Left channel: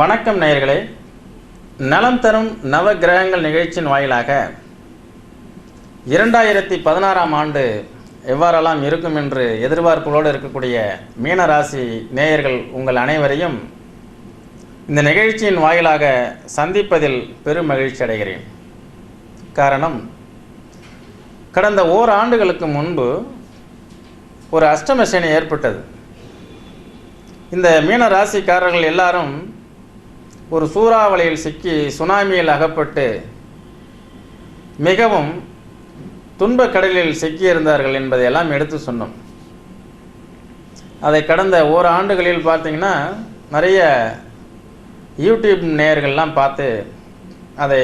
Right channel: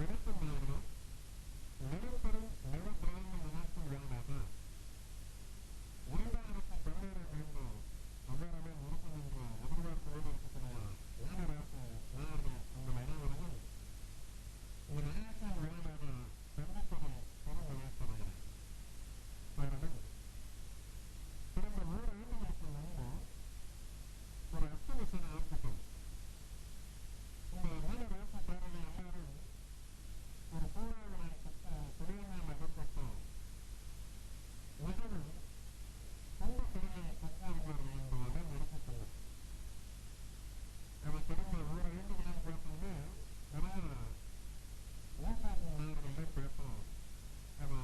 வணக்கம் நேயர்களே. நலம் தரும் நவ கிரகங்கள் நிகழ்ச்சியின் வாயிலாக 2016ஆம் ஆண்டு எவ்வாறெல்லாம் இருக்கும் என்று எதிர்பார்ப்புகளோடு இருக்கக்கூடிய மீன ராசி நேயர்கள் உங்கள் அனைவரையும் இந்த நிகழ்ச்சியின் வாயிலாக சந்திப்பதில் பெரும் மகிழ்ச்சி அடைகிறேன். காரணம், கடந்த ஓராண்டுகளுக்கு முன்பு ஒரு அஷ்டம சனி ஏற்பட்டது. இந்த மீன ராசிக்காரர்கள் எல்லாரும் ஒரு சூறாவளியில் சிக்கி சுனாமியில் அகப்பட்டு மிகவும் துன்பக் கடலில் சிக்கியிருந்தார்கள் என்பதையெல்லாம் எடுத்து சொன்னோம். அதை கடந்த ஓராண்டுகளில் பார்த்தீங்கன்னா நிறைய யூடியூப் நேயர்கள்லாம் பார்த்து அதை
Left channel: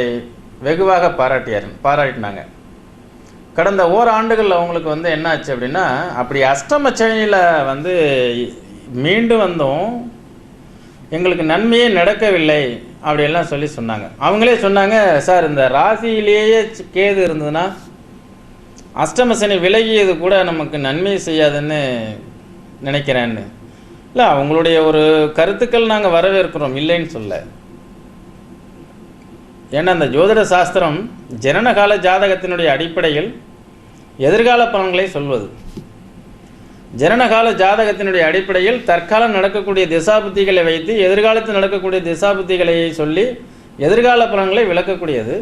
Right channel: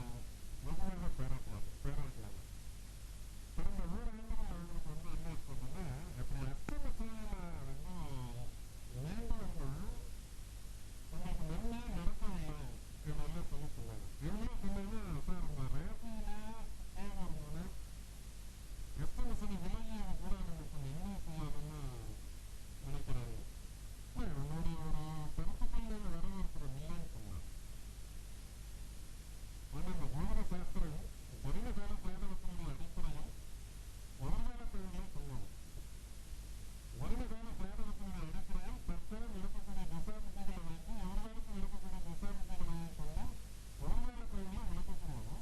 வெகுவாக பாராட்டினாங்க. கடந்த ஓராண்டுகளில் அவங்களுக்கு என்னாச்சு அப்படின்னா, அப்படி அஷ்டம சனியில் மீண்டு வந்தோம், எங்களுக்கு நன்மையே நடக்கவில்லை அப்படியெல்லாம் சொன்னாங்க. அவங்களே சொன்னாங்க, சார் இந்த ராசியிலேயே கேது இருந்ததுன்னா அஷ்டம சனி விலகியது கூட நமக்கு நன்மை செய்யாதுன்னு நினைக்கிறேன்னு. இல்லை, அவங்களுடைய ஒரு கருத்துக்கள் நாங்கள் வரவேற்கிறோம், இல்லைன்னு சொல்ல. ஏன்னா அந்த ஜோதிட சாஸ்திரம் ஜனனகால ஜாதகத்தினுடைய அடிப்படையில் எதிர்கால பலன்களை சொல்வது. ஜனனகால ஜாதகத்தினுடைய அடிப்படையில் தற்காலம் நடக்கக்கூடிய திசாபுத்திகளை வைத்து எதிர்காலத்தில் நடக்கக்கூடிய திசாபுத்திகளை சொல்லி எதிர்கால பலன்களை விளக்கக்கூடியது.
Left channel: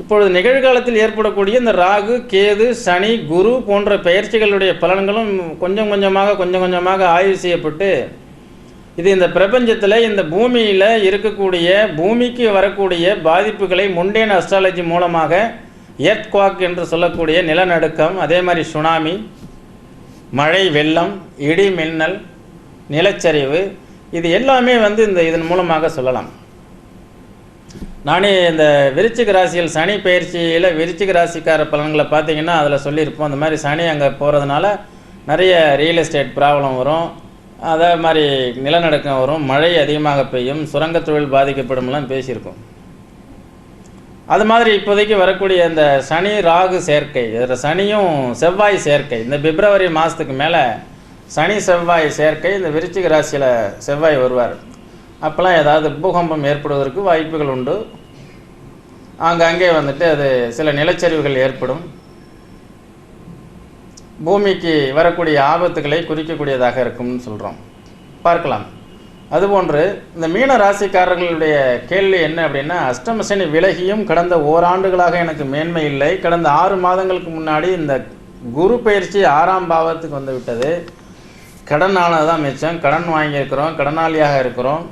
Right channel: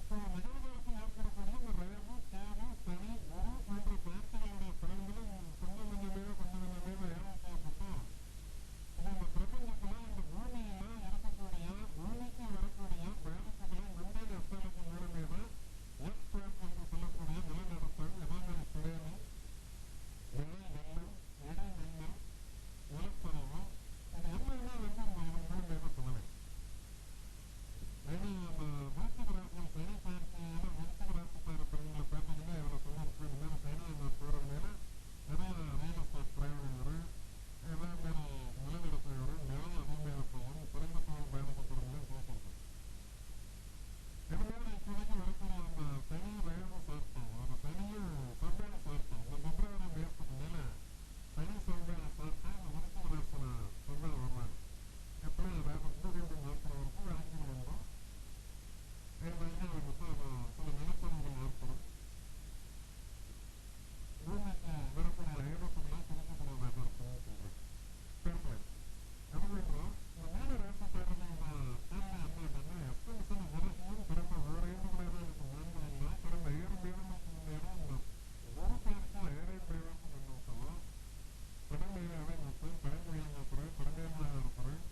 இப்பொழுது நிகழ்காலத்தில் ஏற்படக்கூடிய இந்த ராகு, கேது, சனி, குரு போன்ற பெயர்ச்சிகளுடைய பலன்களும் கொஞ்சம் கொஞ்சமாக ஆய்வு செய்யப்பட்டு இது இந்த பிரபஞ்சத்தில் இந்த பூமியில் இருக்கக்கூடிய பூமிக்கு வரக்கூடிய பாதிப்புகளை முண்டேன் அஸ்ட்ராலஜி மூலமாக எர்த்குவாக் என்று சொல்லக்கூடிய நிலநடுக்கம், அதே மாதிரி சுனாமி, மழை, வெள்ளம், இடி, மின்னல், நிலச்சரிவு, இது எல்லாமே இதன் மூலமாக சொல்லலாம். நானே இந்த விருச்சிக ராசியில் சனி பயிற்சியில் விருச்சிக ராசிக்கார பலன்களை பார்த்தீங்கன்னா அதில் சொல்லியிருப்போம். அந்த மாதிரி சனி அங்கே போகிறதுனால நிறைய ரியல் எஸ்டேட் ப்ராப்ளம் வரும், அதே மாதிரி நிலநடுக்கம் வரும், மழை அதிகமாக பெய்யும், சுரங்க தொழில் பாதிக்கப்படும்லாம் பேசியிருக்கோம். அது மாதிரி இப்போதைக்கு வரக்கூடிய இந்த சனி ராகு சேர்க்கை, இதில் சனியும் செவ்வாய் சேர்க்கை, இந்த பிப்ரவரி மாதத்துக்கு மேலே சனி செவ்வாய் சேர்க்கை, இந்த விருச்சிக ராசியில் செவ்வாய் வருவார். அப்போல்லாம் ஏதாவது பூகம்பம் ஏற்படுவதற்கு வாய்ப்புகள் உண்டு. அங்கங்கே அது சில நிலச்சரிவுகள் ஏற்படும், பூமிக்கு வரக்கூடிய ஆபத்துக்களை குறிக்கக்கூடியதாக இருக்கும்னு சொல்கிறோம், பார்க்கலாம். அதுபோன்று இந்த மீன ராசிக்காரர்களுடைய கேள்வி என்ன அப்படின்னா, அஷ்டம சனி விலகியும் கடந்த ஓராண்டுகளாக எனக்கு மேன்மை இல்லை. கடந்த 6 மாதங்களுக்கு முன்னாடி இந்த குரு பயிற்சி 6ஆம் பாவத்துக்கு விட்டது. கடன் ஆனதுதான் மிச்சம், கடன் வாங்கியிருக்கிறோம், கடனாளியாக இருக்கிறோம்.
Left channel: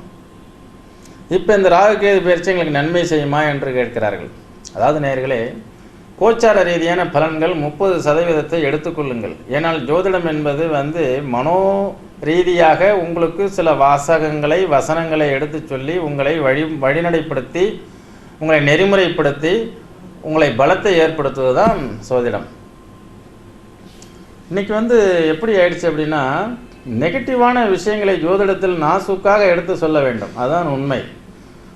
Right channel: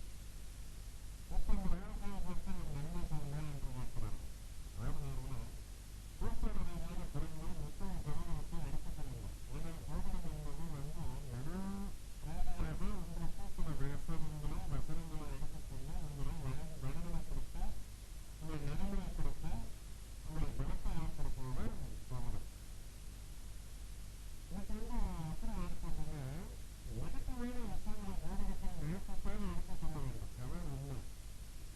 இப்போ இந்த ராகு கேது பயிற்சி எங்களுக்கு நன்மை செய்யுமா என்று கேட்கிறார்கள். அதாவது நேயர்களே, கோச்சார ரீதியான பலன்கள் 30% எடுத்துக்கொள்ளுங்கள். ஏனால் ஜோதிடம் என்பது மனோ ரீதியாக உங்களுக்கு சில வசனங்களை எடுத்து சொல்லி உங்களை வழிநடைப்படுத்தி உங்களை நெறிமுறைப்படுத்தி உங்களை பலத்தை ஏற்படுத்துவது தான் சோதிடம். இன்னைக்கு எப்படி ஆயிடுச்சு அப்படின்னா, நெகட்டிவான விஷயங்களை ஜோதிடத்தில் நாசுக்காக எடுத்து சொல்ல வேண்டும், அதுதான் உண்மை.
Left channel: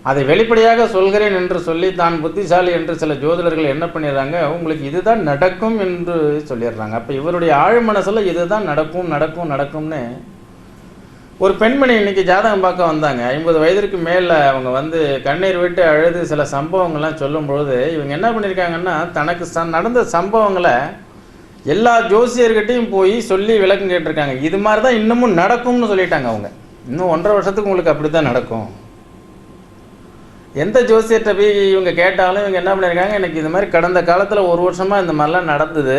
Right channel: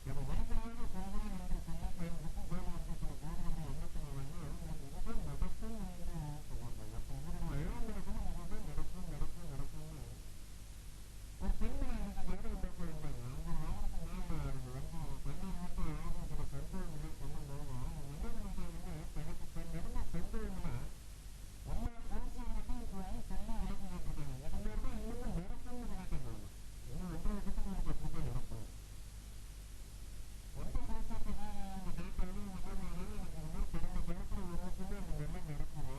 அதை வெளிப்படையாக சொல்கிறேன் என்று சொல்லி தான் புத்திசாலி என்று சில ஜோதிடர்கள் என்ன பண்ணிடுறாங்க, உங்களுக்கு இதுதான் நடக்கும் என்று சொல்லிடுறாங்க. அப்போ இவருடைய ஆழ் மனசில் இதுதான் நடக்கும்னு. ஒரு பெண்மணி இன்னைக்கு ஜாதகம் பார்க்க வந்தாங்க. 50 வயதிற்கு மேலே அவங்க கண்ணீர் விட்டு அழுது சில சம்பவங்கள்லாம் சொல்லும்பொழுது இவங்க என்ன பண்ணியிருக்காங்கன்னா, தனக்கு நடந்த சம்பவங்களை எல்லா ஜோசியர்கிட்டையும் போய் சொல்லி விளக்கம் கேட்டிருக்காங்க. இது மாதிரி தான் இன்னமும் நடக்கும்னு சொல்லிட்டாங்க. அவங்க இன்னும் 1.5 வருஷத்துக்கு உங்களுக்கு அப்படி தான் நடக்கும். எந்த ஜோசியர்கிட்ட போய் இவங்க கேட்டாலும் இவங்க என்ன பண்ணியிருக்காங்க, எனக்கு இது மாதிரி கடந்த காலத்தில் 1 வருஷமாக இந்த மாதிரிலாம் நடந்தது,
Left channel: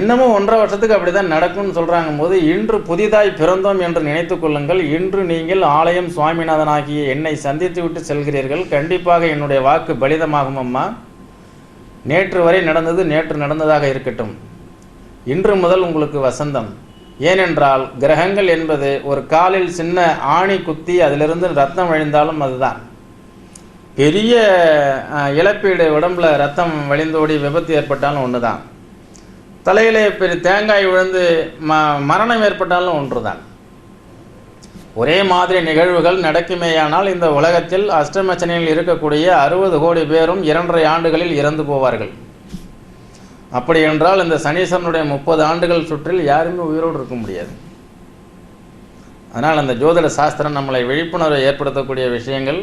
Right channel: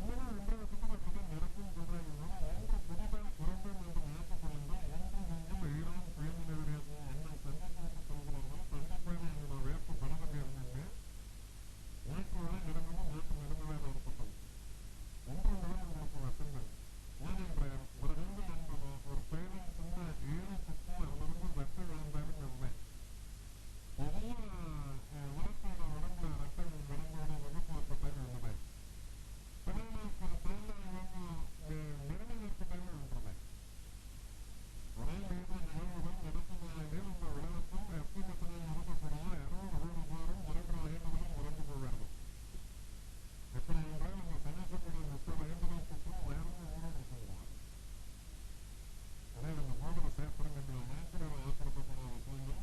இன்னமும் 1.5 வருஷத்துக்கு அப்படி தான் நடக்கும்னு சொல்கிறாங்க போது, இன்று புதிதாய் பிறந்தோம் என்று நினைத்து கொள்ளுங்கள். இன்று நீங்கள் ஆலயம் சுவாமிநாதனாகிய என்னை சந்தித்து விட்டு செல்கிறீர்கள். கண்டிப்பாக என்னுடைய வாக்கு பலிதமாகும் அம்மா. நேற்று வரை நடந்தது நேற்று நடந்ததாக இருக்கட்டும். இன்று முதல் உங்களுக்கு வசந்தம். ஏனென்றால் கிரகங்கள் என்பது ஒரு காலில் சின்ன ஆணி குத்தி அதிலிருந்து ரத்தம் வழிந்தாலும் அதுதான் பெரிய இழப்பீடு. உடம்புல ரத்தம் வழிந்தோடி விபத்து ஏற்பட்டாலும் ஒன்று தான். தலையிலே பெரிய தேங்காய் விழுந்து மரணம் ஏற்பட்டாலும் ஒன்று தான். ஒரே மாதிரி நிகழ்வுகள் நடக்குமேயானால் இந்த உலகத்தில் அஷ்டமச்சனியில் இருக்கக்கூடிய 60 கோடி பேரும் 2.5 ஆண்டுகளில் இறந்து போவார்கள். அப்படி என்றால் இந்த சனீஸ்வரனுடைய 30 ஆண்டுகள் சுற்றில் யாருமே உயிரோடு இருக்க முடியாது. அதனால் அந்த ஜோதிட சாஸ்திரம் நம்மளை விழிப்புணர்வை ஏற்படுத்தக்கூடிய விஷயங்கள்.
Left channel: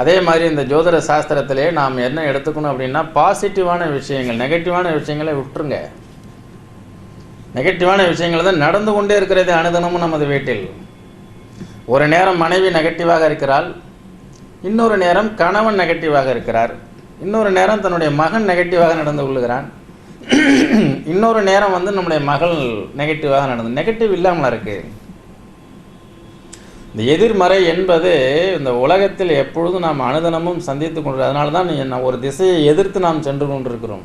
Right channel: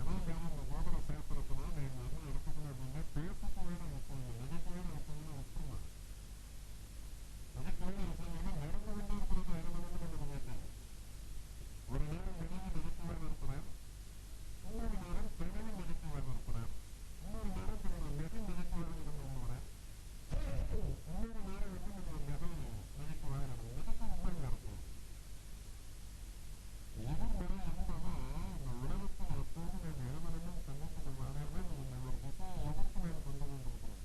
அதே மாதிரி இந்த ஜோதிட சாஸ்திரத்திலே நாம் என்ன எடுத்துக்கணும் அப்படின்னா, பாசிட்டிவான விஷயங்கள், நெகட்டிவான விஷயங்களை விட்டுருங்க. நெகட்டிவான விஷயங்கள் தான் நடந்து கொண்டே இருக்கிறது அனுதினமும் நமது வீட்டில். ஒரு நேரம் மனைவி நெகட்டிவாக இருக்கிறாள், இன்னொரு நேரம் கணவன் நெகட்டிவாக இருக்கிறார், இன்னொரு நேரம் தன்னுடைய மகன் நெகட்டிவாக நடந்து கொள்ளுகிறான், இன்னொரு நேரம் நம்முடைய மகள் நெகட்டிவாக நடந்து. நெகட்டிவ் இல்லாமல் இருக்கு. இந்த எதிர்மறை என்பது இந்த உலகத்தில் எப்பொழுதும் நாம் அனுதினமும் சந்தித்து கொண்டு, அதனால தான் ஒரு திசையை எதிர்த்து நாம் சென்று கொண்டிருக்கிறோம்.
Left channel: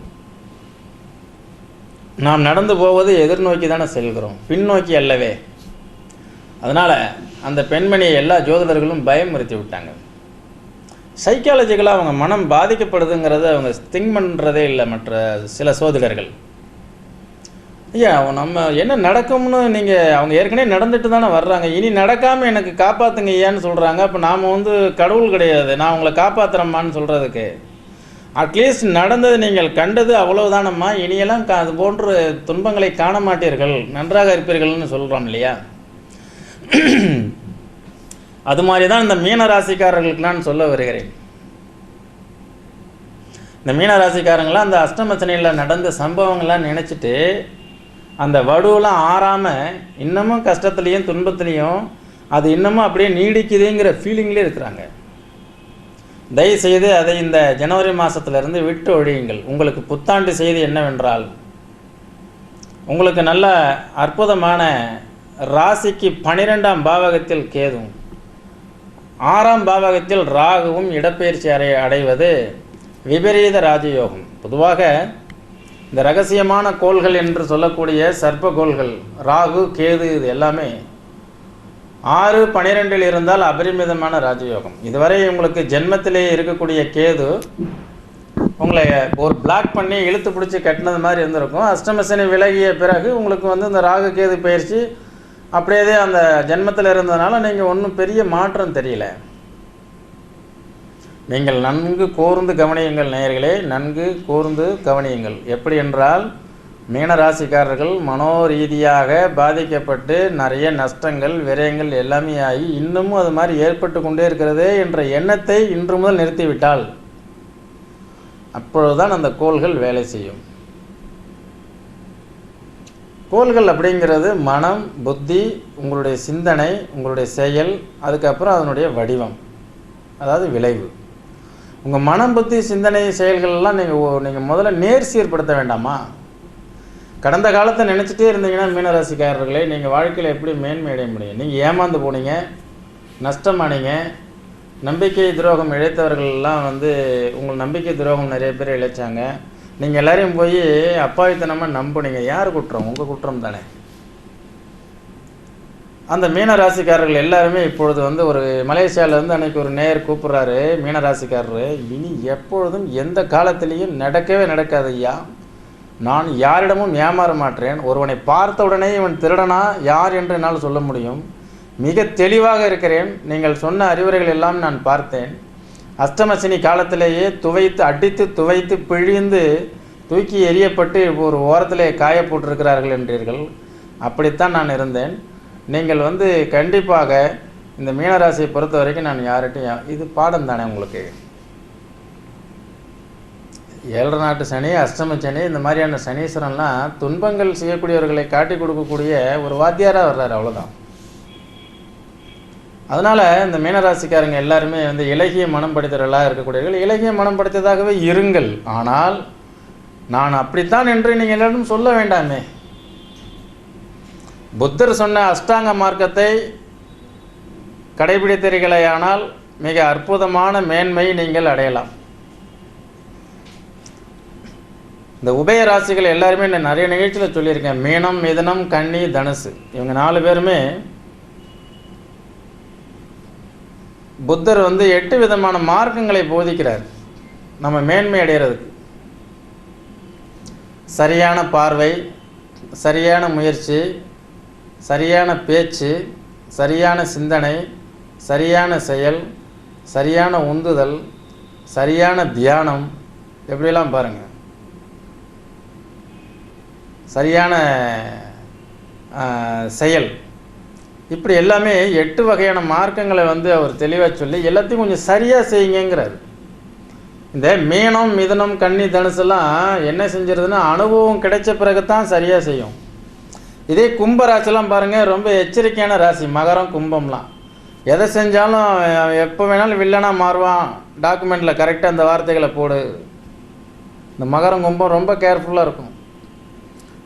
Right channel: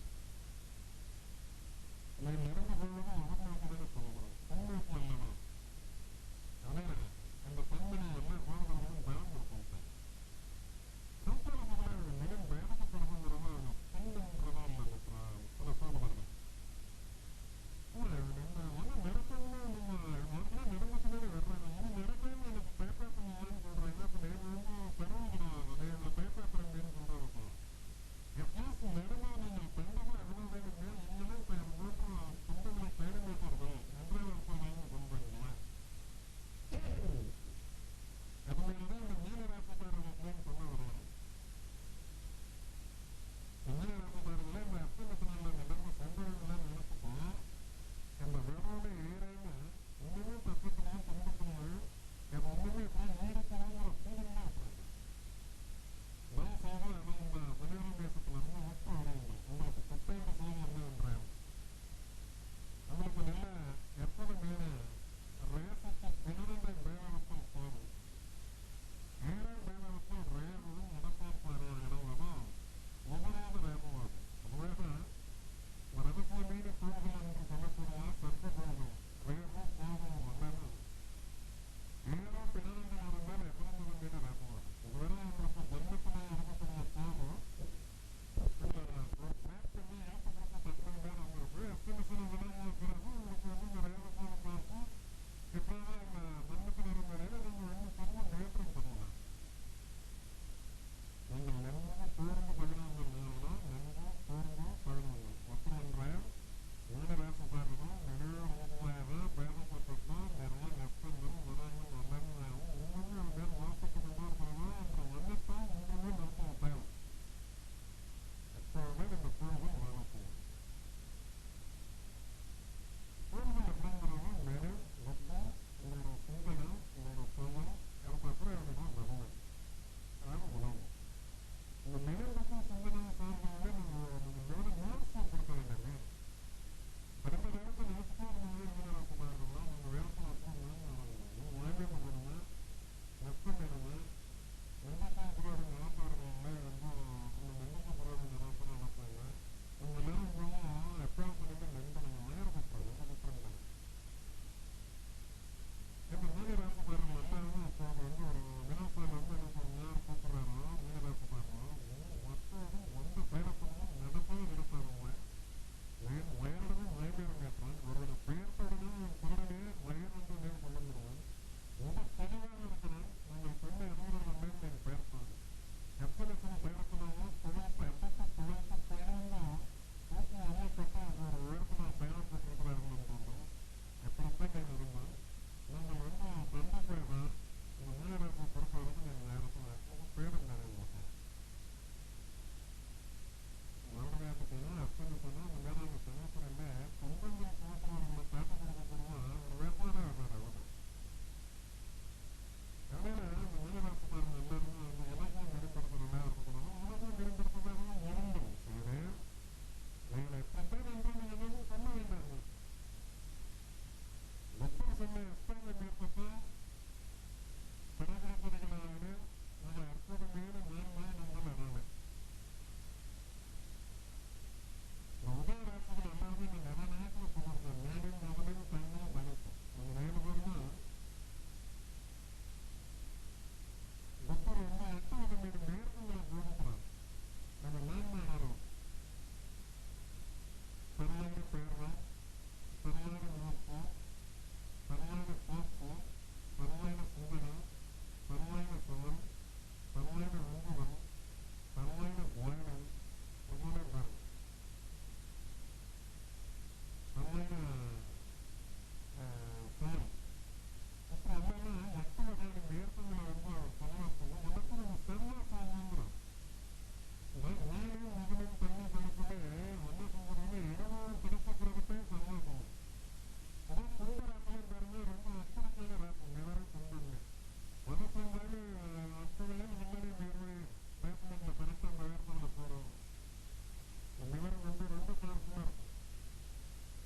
நாம் நடந்து போவது எதிர்நோக்கி தானே செல்கிறோம், பின்னோக்கி அல்லவே. அதனால் அந்த பெண்மணியை எல்லா ஜோதிடர்களும் பயமுறுத்தி விட்டாங்க. சைக்காலஜிக்கலாக அவங்க மனம் பாதிக்கப்படுதுங்கிறத அவங்க திங்க் பண்ணுறதே இல்லை மற்ற சில சோதிடர்கள். ஐயா நம்ம என்ன நடக்கும்னு நீங்கள், அவங்க ஏற்கனவே நடந்துட்டு தானே வர்றாங்க, இனி நடக்காமல் எனக்கு காப்பாற்றுங்க ஐயான்னு சொல்கிறாங்க. அப்போ நாம் கடவுள் கிடையாது, நான் உங்களை காப்பாற்றுறம்மான்னு சொல்கிறதுக்கு. அட்லீஸ்ட் நடந்தது நீங்கள் கண்டது அவ்வளவுதானம்மா, இனியெல்லாம் அது போன்ற துன்பங்களை காண மாட்டீர்கள், நன்றாக இருப்பீர்கள்னு சொல்கிறோம் இல்லையா? அது மாதிரி தான் இந்த மீனராசிக்காரர்களுக்கு நான் சொல்ல வருகிறேன். இந்த மீனராசிக்காரங்களாம் அந்த அஷ்டமச்சனையில் நடந்த சம்பவங்கள்லாம் நினச்சிட்டு அந்த வடுவெல்லாம் ஆறாமல் இன்னமும் கஷ்டத்துலேயும் துன்பத்துலேயும் அது இன்னமும் அப்படியே நீடிக்குதுங்கிற ஃபீலிங்லேயே இருக்கிறாங்க. தயவுசெய்து அதை இந்த ஜனவரி மாதத்திலிருந்து விட்டு ஒழியுங்கள். உங்களுக்கு புத்தாண்டு செய்தி என்னவென்றால், உங்களுக்கு நல்ல அற்புதமான ராசிக்கு 12ஆம் பாவகத்தில் கேதுவும் 6ஆம் பாவகத்தில் ராகுவும் இடப்பெயர்ச்சி அடைவது விபரீத ராஜயோகம். பொதுவாக இந்த ரகசியமான கோள்கள் என்று சொல்லக்கூடிய சர்ப்ப கோள்கள் ராகு கேது இது எல்லாமே 6, 12 இருந்தால் அபரிமிதமான ராஜயோகம். இதுவரை உங்களுக்கு ஜென்மத்திலே இருக்கக்கூடிய கேது உங்களை ஒரு பிளாக் பண்ணி இழுத்து பிடிச்சி கட்டினது மாதிரி இருந்திருக்கும். அஷ்டமசனி விலகிய பிறகு உங்களுக்கு இந்த ராகு கேது பயிற்சி அப்படியே அந்த ஜென்மத்தில் இருந்ததுனால நீங்கள் ஒன்றும் பெரிய மாற்றம் தெரியல. நீங்கள் நன்கு கூர்ந்து கவனியுங்கள் நேயர்களே, நன்கு கூர்ந்து கவனியுங்கள். எப்படி என்றால், மீனராசிக்காரர்கள் மனோரீதியாக பாதிக்கப்பட்டு நிறைய நஷ்டங்கள் விரயங்கள் எல்லாமே ஆகி இன்னமும் அது மாதிரி ஏற்பட்டு கொண்டே இருக்கிறதே என்ற எண்ணத்தை இன்று முதல் நிறுத்திவிட்டால் அப்பொழுதுதான் அந்த கோள்கள் வேலை செய்யும். கோள்கள் அப்படிங்கிறது மனம், புத்தி, உங்களுடைய சிந்தனை, உங்களுடைய செயல், அதுக்கப்புறம் அதனுடைய வடிவம், அதாவது விளைவு. உங்கள் மனம், புத்தி, சிந்தனை, செயல்கள்லாம் நீங்கள் முதல்ல நேர்சீர்படுத்த வேண்டாமா? கடந்த காலத்தை நினச்சிட்டே இருந்தீங்கன்னா மீனராசிக்காரர்களே, நீங்கள் வாழ்க்கையில் எப்படி மேன்மை அடைய முடியும்? நீங்கள் ஏமாந்து போனீங்க, நஷ்டமானீங்க, நம்பிக்கை துரோகம் இழைத்தவர்கள்லாம் உங்கள் நம்பிக்கை துரோகம் நிறைய பேர் இழைச்சாங்க. நீங்கள் எல்லாரையும் போய் அப்பாவித்தனமாக நம்புனீங்க. யார் குற்றம்? உங்கள் குற்றம் தானே. அந்த மீனராசிக்காரர்கள் எல்லாருமே இப்பொழுது ஒரு மலேசியாவிலேருந்து அன்றைக்கி ஒரு நேயர் கூப்பிட்றாரு, மீனராசிக்காரரு, இனி எப்பொழுதும் எந்த காலத்திலையும் நடக்கவே நடக்காது ஐயா, நான் யாரிடமும் ஏமாற மாட்டேன். ஒருவனை பார்த்த உடனே இவன் திருடனா யார் என்று என்னால் சொல்ல முடியும். மிக தெளிவாக இருக்கிறேன். நீங்கள் சொன்ன அறிவுரைகள் எல்லாம் நான் பார்த்தேன். அஷ்டமசனி காலத்திலேயே அடித்து துவைத்து பிழிந்து தூக்கி எறியப்பட்டு ஒரு ஓரத்திலே காய போட்டிருக்கிறார்கள் என்றீர்கள். அப்படித்தான் நான் இருந்தேன். நீங்கள் கண்டிப்பாக இந்த மீனராசியை பொறுத்த வரைக்கும் நான் யார்கிட்டையும், இது பாடம் தானே உங்களுக்கு. 7 நாட்டு சனி, அஷ்டம சனி, இந்த மாதிரியான சனீஸ்வரன்லாம் துன்பங்கள் செய்யக்கூடியவர்களை காட்டி கொடுக்கக்கூடிய ஒரு வாத்தியாராக வர்றாரு, அவ்வளோதான். அதனால் இந்த மீனராசிக்காரங்க எல்லாருமே இலகிய மனம் படைத்தவர்களாக இருக்கக்கூடியவர்கள். இலகிய மனம் படைத்ததாகவே இருங்கள். ஆனால் நான் அப்படித்தான் என்று நீங்கள் எல்லாரும் சொல்ல வேண்டாமே. புத்தர் சொன்ன அஷ்டாங்க மார்க்கத்தை கடைபிடித்தீர்களேயானால் மிக அற்புதமான மேன்மை நீங்கள் அடையலாம். இந்த உபய ராசிகள் எல்லாருமே நான் நிறைய நிகழ்ச்சியில் சொல்லியிருக்கேன். மீனம், மிதுனம், கன்னி, தனுசு, இவங்க 4 பேருமே புத்தர் 8 விதமான மார்க்கங்களை போதிக்கிறார் நம்ம மேன்மை அடைகிறதுக்கு. சரியான பார்வை, சரியான முயற்சி, சரியான பேச்சு, சரியான சிந்தனை, சரியான செயல், சரியான உந்துதல், சரியான தியானம், எப்படிலாம் பாருங்கள், சரியான செயல், இப்படி எல்லாமே 8 வகையான மார்க்கங்களை வந்து அவர் தெளிவாக சொல்லி எல்லாத்தையும் கொஞ்சம் சரியாக செய்யுங்கிறார். இந்த மீனம், மிதுனம், கன்னி, தனுசெல்லாம் என்ன செஞ்சிருதுன்னா அனுபவம் கிடைச்ச பிறகு தான் சரியாக செய்யும். இதே கும்ப ராசிலாம் பாருங்கள், ரொம்ப எச்சரிக்கையான ராசி. மகரம், கும்பம்லாம் எதை செஞ்சாலும் எப்போ வேணாலும் வில்லனாக மாறுவான். டாக்குமெண்ட்டில் கரெக்டாக அந்த வார்த்தைகளை போடு. இந்த மகரம், கும்பம் ரொம்ப கேர்ஃபுல்லாக இருக்கும்.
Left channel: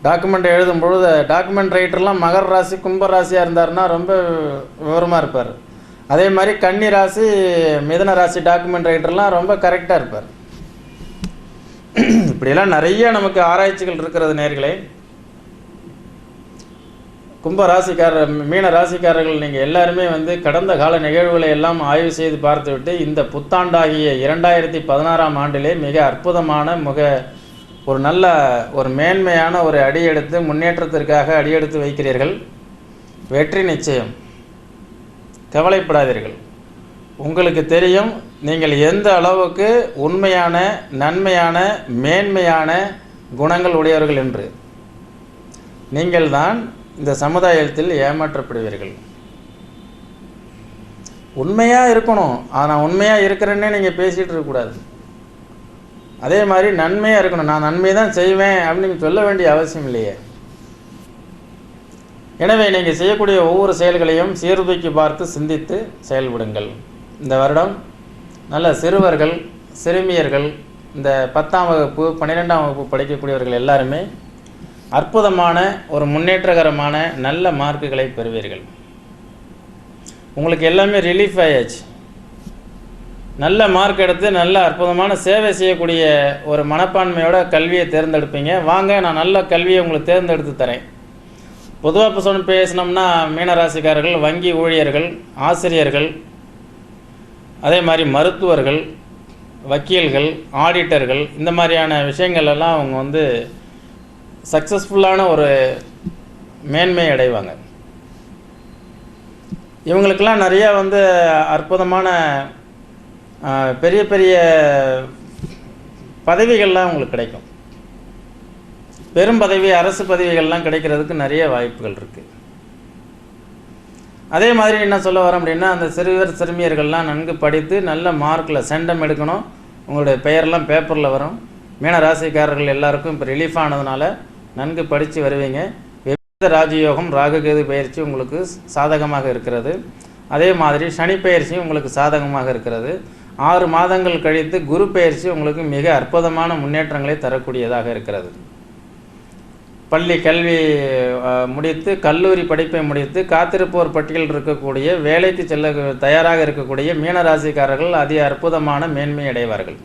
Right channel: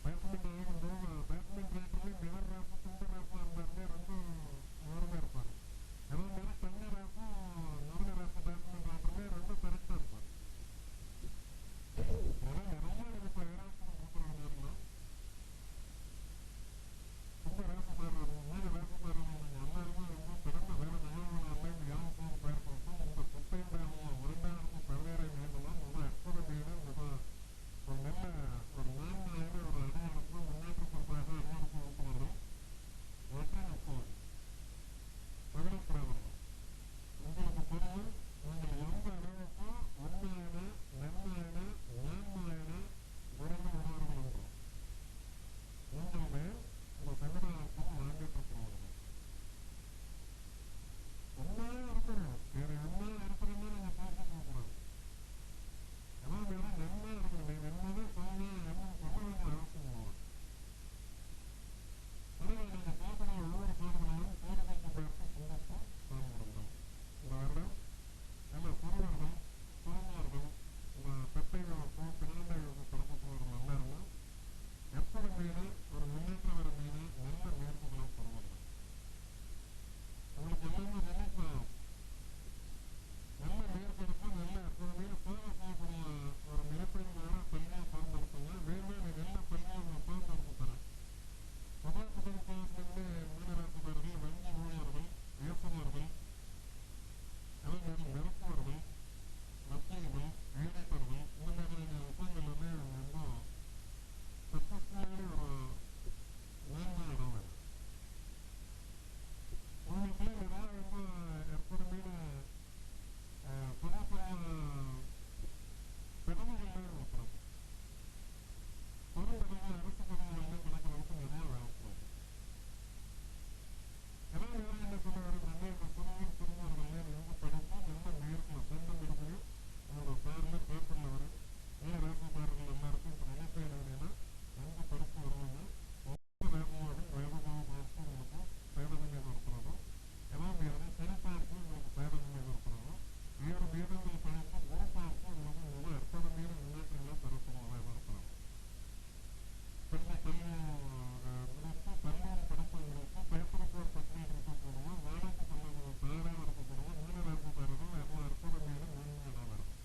டாக்குமெண்ட் எழுதும் பொழுது டாக்குமெண்ட் ரைட்டர்லாம் மகர ராசி, கும்ப ராசியாக இருந்தாருன்னா ரொம்ப விவரமாக இருப்பார். அதே மாதிரி கன்னி ராசி, மிதுன ராசி டாக்குமெண்ட் ரைட்டர்லாம் ரொம்ப கரெக்டாக இருப்பார். இப்படியெல்லாம் நிறைய நமக்கு ஆராய்ச்சிகள் இருக்கிறது நேர்களே. கும்ப ராசிக்காரர், மீன ராசிக்காரர்கள் நீங்கள் எல்லாருமே வந்து கடந்த கால நிகழ்வுகளை எல்லாம் ஆய்வு செய்து பார்த்துவிட்டு இந்த புத்தாண்டாகிய 2016ஆம் ஆண்டிலே மிக அற்புதமான ஒரு நல்ல ஒரு மேன்மையான ஒரு அடியெடுத்து முன்னேற்றத்திற்காக அடியெடுத்து வைக்கிறீர்கள். வெற்றி நிச்சயம். கவலைப்படாதீர்கள். உங்களுக்கு தெரியும் நீங்கள் எந்த அளவுக்கு உண்மையான, நன்மையான, மேன்மையான குணங்கள் உடையவர்கள் என்று. நீங்கள் தான் இந்த சமுதாயத்தில் ஏமாற்றப்படுவீர்கள். உண்மையாக இருக்கணும். ஆனால் உண்மையாக இருக்கிறேன்னே நீங்கள் பேசிகிட்டு இருக்கக்கூடாது. அதே மாதிரி நன்மையாக இருக்கணும். நான் நன்மை தான் செய்வேன் அப்படின்னு சொல்ல வேண்டிய அவசியம் இல்லையே. எனவே நீங்கள் செய்யக்கூடிய ஒவ்வொரு செயல்களையும் சீர்தூக்கி பார்த்து சிந்தித்து செயல்படுங்கள். இந்த வருடம் நல்ல சிறுவர்கள், சிறுமியர்கள், இந்த 10ஆம் வகுப்பு 12ஆம் வகுப்பு படிக்கக்கூடியவர்கள் எல்லாருமே அற்புதமான ஒரு முன்னேற்றகரமான நல்ல மார்க்குகளை பெறுவீர்கள். உங்களுக்கு எல்லாமே ரிலீஃப் ஆயாச்சு. நல்ல மார்க் எடுத்து நல்ல அற்புதமான சேவை செய்யக்கூடிய ஒரு மனப்பான்மையோட கல்வியை தேர்ந்தெடுப்பீங்க. வாங்க, நான் நல்ல கல்வியை உங்களுக்கு தேர்ந்தெடுத்து தரேன். பொதுவாக இப்போ பேசினோம்னா மீனராசிக்காரர்கள், வங்கி ஊழியர்கள், ஆசிரியர்கள், அதே மாதிரி மருத்துவர்கள், வக்கீல்கள், ஆடிட்டர்கள், இந்த மாதிரியான விஷயங்கள் எல்லாம் அவங்க வந்து சக்ஸஸ்ஃபுல்லான ஒரு மேன்மை அடைவாங்க. இவங்களுக்கெல்லாம் நிறையா வந்து அற்புதமான பெரிய பெரிய பதவிகள்லாம் உங்களுக்கு கிடைக்கும். பெரும் பதவி, அரசு பதவிகள்லாம் கிடைக்கிறதுக்கு நிறைய வாய்ப்புகள் இருக்குது. அதே மாதிரி என்ன சொல்ல வரோம் அப்படின்னா, அந்த சிறுவர் சிறுமியர்கள்லாம் நன்கு படித்து நல்ல மார்க்கில் சென்டம் எடுக்கணும். உங்களுடைய பெயர்லாம் பேப்பரில் வரும். மீன ராசிக்காரர்கள் எல்லாருக்கும் இப்போ ரிலீஃப் ஆனதுனால நன்கு படித்து வருவீங்க. விபரீத ராஜயோகம், ராகுகேது பயிற்சி உங்களுக்கு சாதகமாக இருக்கிறது. அதே மாதிரி சனி பயிற்சியும் உங்களுக்கு சாதகமாக இருக்கிறது. 6 மாதங்கள் கழித்து குரு பயிற்சி உங்களுக்கு மிக அற்புதமான முன்னேற்றங்களை தரக்கூடியதாக இருக்கிறது. பள்ளி கல்வி முடித்து, கல்லூரி படிப்பை முடித்து காத்திருப்போர் பட்டியல் இருக்கக்கூடிய, வேலைக்கு செல்ல தயாராக இருக்கக்கூடிய மீனராசிக்காரர்கள் அதி அற்புதமான மேன்மை அடைவார்கள்.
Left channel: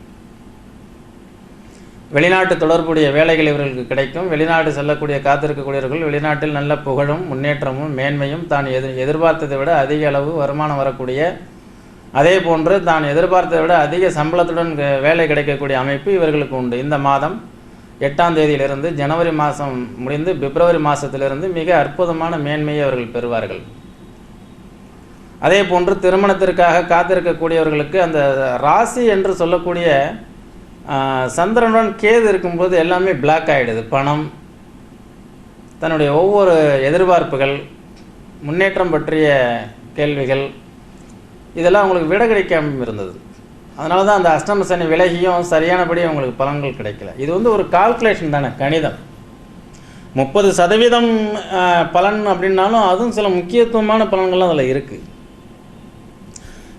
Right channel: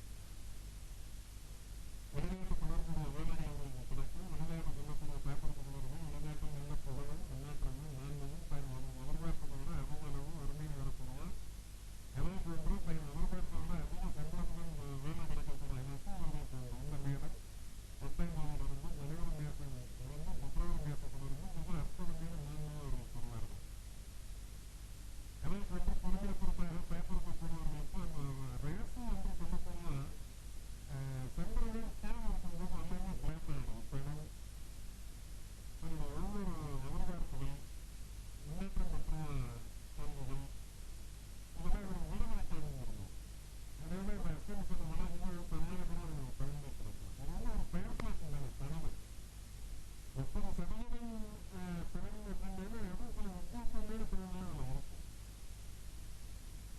வெளிநாட்டு தொடர்புடைய வேலைகள் இவர்களுக்கு கிடைக்கும். வெளிநாடு செல்லக்கூடிய காத்திருக்கக்கூடியவர்கள் வெளிநாட்டில் நல்ல புகழும், முன்னேற்றமும், மேன்மையும், தான் எதிர்பார்த்ததை விட அதிக அளவு வருமானம் வரக்கூடிய, அதே போன்று தான் எதிர்பார்த்ததை விட அதிக சம்பளத்துடன் வேலை கிடைக்கக்கூடிய அமைப்பு இவர்களுக்கு உண்டு. இந்த மாதம் 8ஆம் தேதியிலிருந்து ஜனவரி மாதம் முடிந்து பிப்ரவரி மாதத்திலிருந்து மிக அற்புதமான மேன்மையை அவர்கள் பெறுவார்கள். அதே போன்று திருமணத்திற்காக காத்திருக்கக்கூடியவர்களுக்கு அந்த ராசி என்று சொல்லக்கூடிய சந்திரனுடன் கேது இருக்கும்போது எல்லாமே பிளாக் ஆகிடுது. பணம், தன்னுடைய ஒவ்வொரு எதிர்பார்ப்புகள், முன்னேற்றம் பற்றிய கேள்விகள், இதெல்லாம் உங்களுக்கு விட கிடைக்காம இருந்தது. அதனால தான் அந்த அஷ்டம சனி விலகியும் சரியானபடி உங்களுக்கு பலன்கள் கிடைக்கல. இது வந்து ஒரு கால்குலேஷன் தானே, கணிதம். 30% பலன் அப்படின்னாலும் அதுவும் சில முக்கியத்துவமான பலன்கள்லாம் அதில் இருக்குது.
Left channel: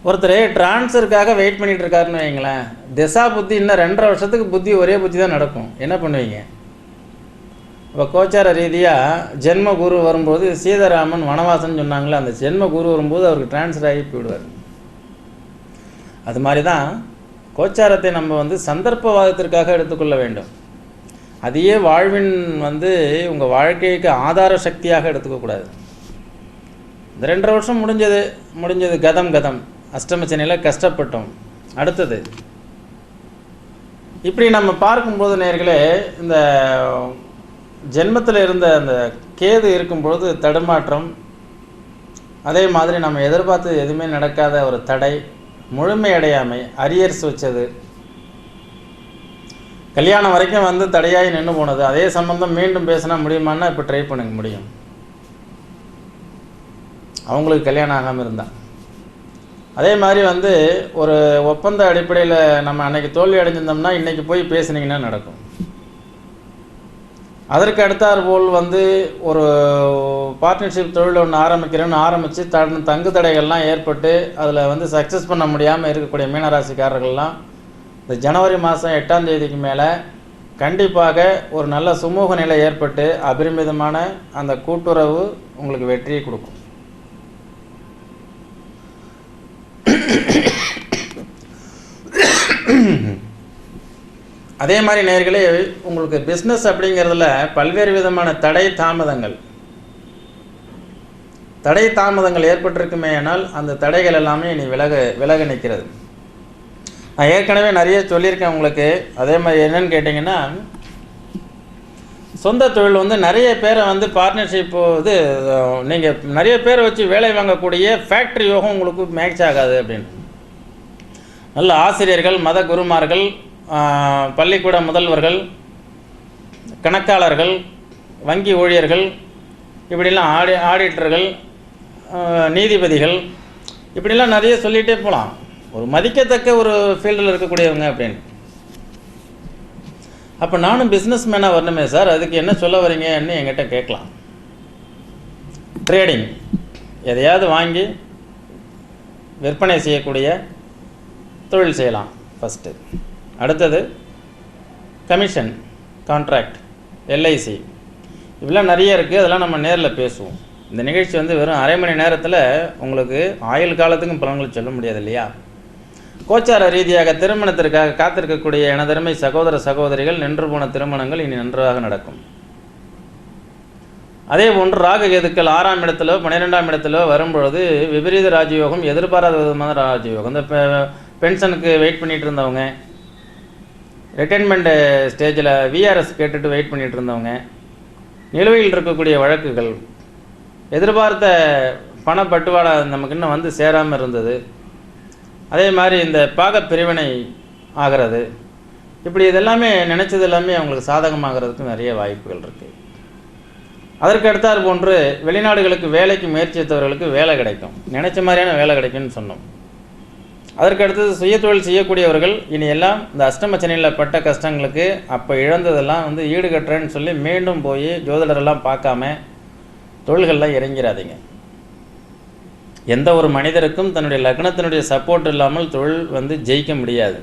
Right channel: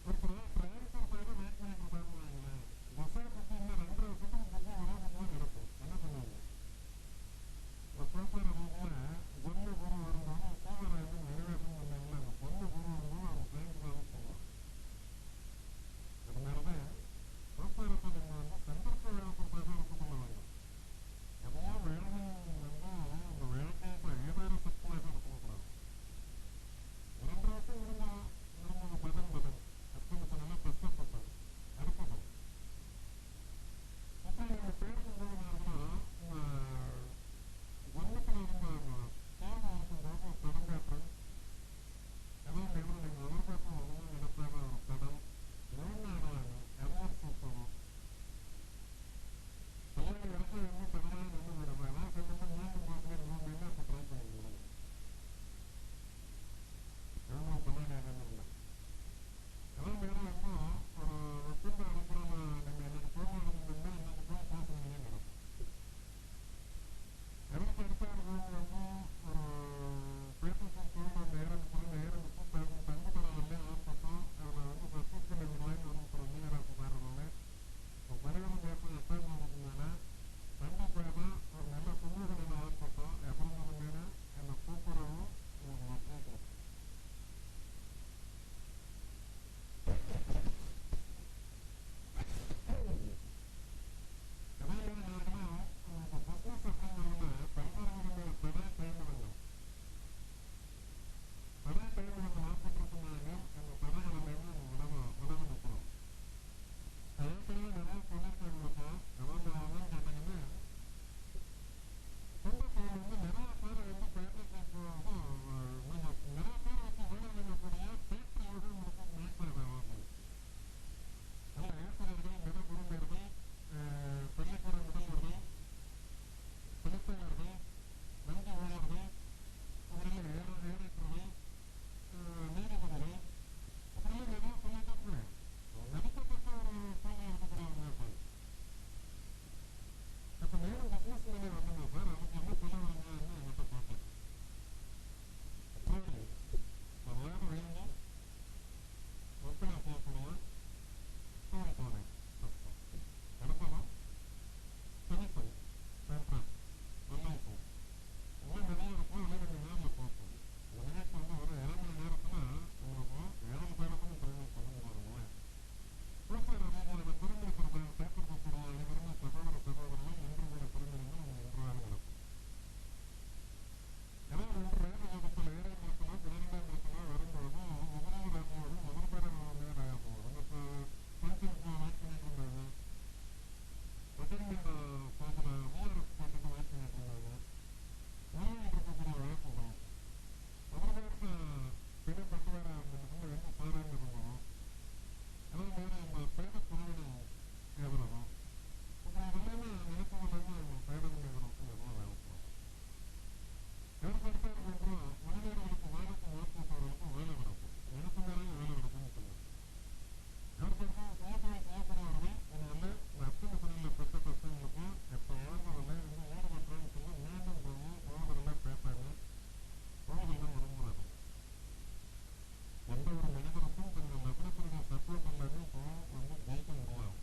ஒருத்தர் டிரான்ஸ்ஃபருக்காக வெயிட் பண்ணிகிட்டு இருக்காருன்னு வைங்களேன். திசா புத்தி இன்னும் 2.5 வருஷத்துக்கு புத்தி ஒரே புத்தி தான் நடக்கும். என்ன பண்ணுவீங்க? இப்போ கோச்சார ரீதியாக ஜென்ம குரு வரும்போது சீதாராமன் வனவாசன் சொன்னாங்களே, அந்த ஜென்ம குரு வரும்போது அவருக்கு டிரான்ஸ்ஃபர் ஆகி போயிடுவார். அது மாதிரி தான் கோச்சாரத்தை நம்ம வந்து சந்தர்ப்பவாதத்திற்காக எடுத்துக்கொள்ள வேண்டும். அதையே வாழ்வின் வந்து உங்கள் வாழ்க்கைக்கு ஆதார சக்தியாக எடுத்துக்கக்கூடாது. இந்த 2.5 வருஷம் முடிஞ்சது கதம் அஷ்டமச்சனையில் கஷ்டப்பட்டோம். அடுத்தது இப்படி நம்ம பார்க்கும்போது நேர்களே, இந்த ஜென்மத்தில் இருந்த அந்த கேது இருக்கும்பொழுது தடுமாற்றம், அதே மாதிரி நம்ம எதிர்பார்த்து எதுவுமே நடக்காத ஒரு தடை, முழுமையடையாமை, அரியர்ஸ் வச்சது, கல்யாணம் வரைக்கும் வந்து தடையாகி நின்று போனது, அதே சம்பந்தம் மீண்டும் பேசினா முடியுமான்னா இப்போ ட்ரை பண்ணுங்க முடியும். அவங்களுக்கு கல்யாணம் ஆகாமல் இருந்தால். அதே மாதிரி வந்து ஒரு ஒப்பந்த அடிப்படையில் நம்ம அன்னைக்கு தோல்வி அடைஞ்சிருந்தோம்னா இன்றைக்கி போய் பேசுனீங்கன்னா நடக்கும். அதற்கு அடுத்தாற் போல் வந்து ஒரு பார்ட்னர்ஷிப் தொழில் ஒன்று ஆரம்பிக்கிறேன்னு ஆரம்பித்து தங்கு தடைகள்லாம் ஏற்பட்டு அதில் வந்து சக்ஸஸ் பண்ண முடியாமல் இருக்கக்கூடிய மீனராசிக்காரர்கள்லாம் இந்த ஜனவரி மாதம் 8ஆம் தேதிக்கு மேலே கண்டிப்பாக ஒரு நல்ல சுமூக நிலை ஏற்பட்டு அபரிமிதமான அந்த கூட்டுறவு உங்களுக்கு வெற்றியை கொடுக்கும். அதே மாதிரி நேயர்களே, உங்களுக்கு பிஸ்னஸ் அப்படிங்கிறதுல பல்வேறு விதமான தடை தாமதங்கள் ஏற்பட்டிருக்குமே ஆனால் அந்த தடைகள் எல்லாமே இனி விலக நிற்கிறது. நான் ஏற்கனவே நிறைய சொல்லியிருக்கேன் உங்களுக்கு. அதே மாதிரி என்னன்னு கேட்டிங்கன்னா, சொந்த தொழில் வந்து நிறைய பேரை வந்து பார்ட்னர்ஷிப்பு இது நீங்கள் நிறைய பேரை வச்சு வேலை வாங்கக்கூடிய ஃபேக்ட்ரி யோகம் உங்களுக்கு மேட்ச் ஆகாது அப்படின்னு. நல்ல ஆசிரியர்கள், மத குருமார்கள், பள்ளிக்கூட முதல்வர்கள், கணக்காளர்கள், வங்கி ஊழியர்கள், இப்படிலாம் ஆடிட்டர்கள், நீதிபதிகள், இப்படிலாம் நிறைய சொல்லிகிட்டே போகலாம். ஒரு மதிக்கத்தக்க ஒரு ஃபீல்டில் இருக்கக்கூடியவங்க அப்படின்னு. அப்போ நானும் பிஸ்னஸ் மேனாக வரணுமே சார், அதுக்கு என்ன சொல்ல வரீங்கன்னு என்கிட்ட கேட்கலாம். ட்ரேடிங், எதையாவது வாங்கி விற்பனை செய்யக்கூடிய தொழில் செய்யலாம் ஃபஸ்ட்டு. அடுத்தது கமிஷன், கான்ட்ராக்ட், எல்ஐசி, இப்படிலாம் நிறைய இருக்குது. அதெல்லாம் நம்ம நேரில் பேசுவோம். இந்த நிகழ்ச்சி வந்து வெறும் அரை மணி நேரத்தில் உங்களுக்கு ஆயுள் காலத்துக்கும் பலன்கள் சொல்ல முடியாது இல்லையா? கோச்சார ரீதியாக திருமணத்திற்காக காத்திருக்கக்கூடிய எனதருமை சகோதர சகோதரிகள், நின்று போன திருமணங்கள் இனி நன்றாக நடக்கும். அதே போன்று ராகு கேதுக்கள் 6ஆம் இடத்திலோ 12ஆம் இடத்திலோ வரும்பொழுது விபரீத ராஜயோகம், எதிர்பாராத விதமான ராஜயோகம். இந்த பென்ஷனுக்கு வெயிட் பண்ணிகிட்டு இருந்தவங்க, ரிட்டைர்மெண்ட் ஸ்டேஜில் விஆர்எஸ் கேட்டுட்டு வெயிட் பண்ணிகிட்டு இருந்தவங்க, நிலுவையில் இருக்கக்கூடிய வழக்குகள், எதிர்பார்த்த பணப்பட்டுவாடா நமக்கு இன்னும் வந்து சேராமல் இருந்தது, அதே மாதிரி இந்த பாக பிரிவினை ஆகிறது, இப்படி இதெல்லாமே நினச்சது எல்லாமே அவங்களுக்கு சாதகமாகிறதுக்கு நிறைய வாய்ப்புகள் இருக்குது. அதற்கு அடுத்தாற் போன்று வெளிநாடுகளுக்கு வேலைக்கு முயற்சித்தவர்களுக்கு வேலை கிடைக்கும், நினச்ச மாதிரியான வேலை கிடைக்கும்னு சொன்னோம். அதற்கு அடுத்தது சுயதொழில் செய்யக்கூடியவர்கள் இனி எல்லாம் இந்த அஷ்டமச்சனையில் பட்ட கஷ்டங்களுக்கு அப்போ இழந்ததெல்லாம் வந்து ஈடுகட்டுறேன்னு சொல்லி மீண்டும் போய் ஜோதிடரெல்லாம் பார்க்காம தொழில்கள்லாம் இறங்கிறாதீங்க. எந்த ஒரு மனிதருக்கும் தன்னுடைய லக்னத்தினுடைய சப்போர்ட் இல்லாமல் தொழில் வந்து ஜெயிக்க முடியாது.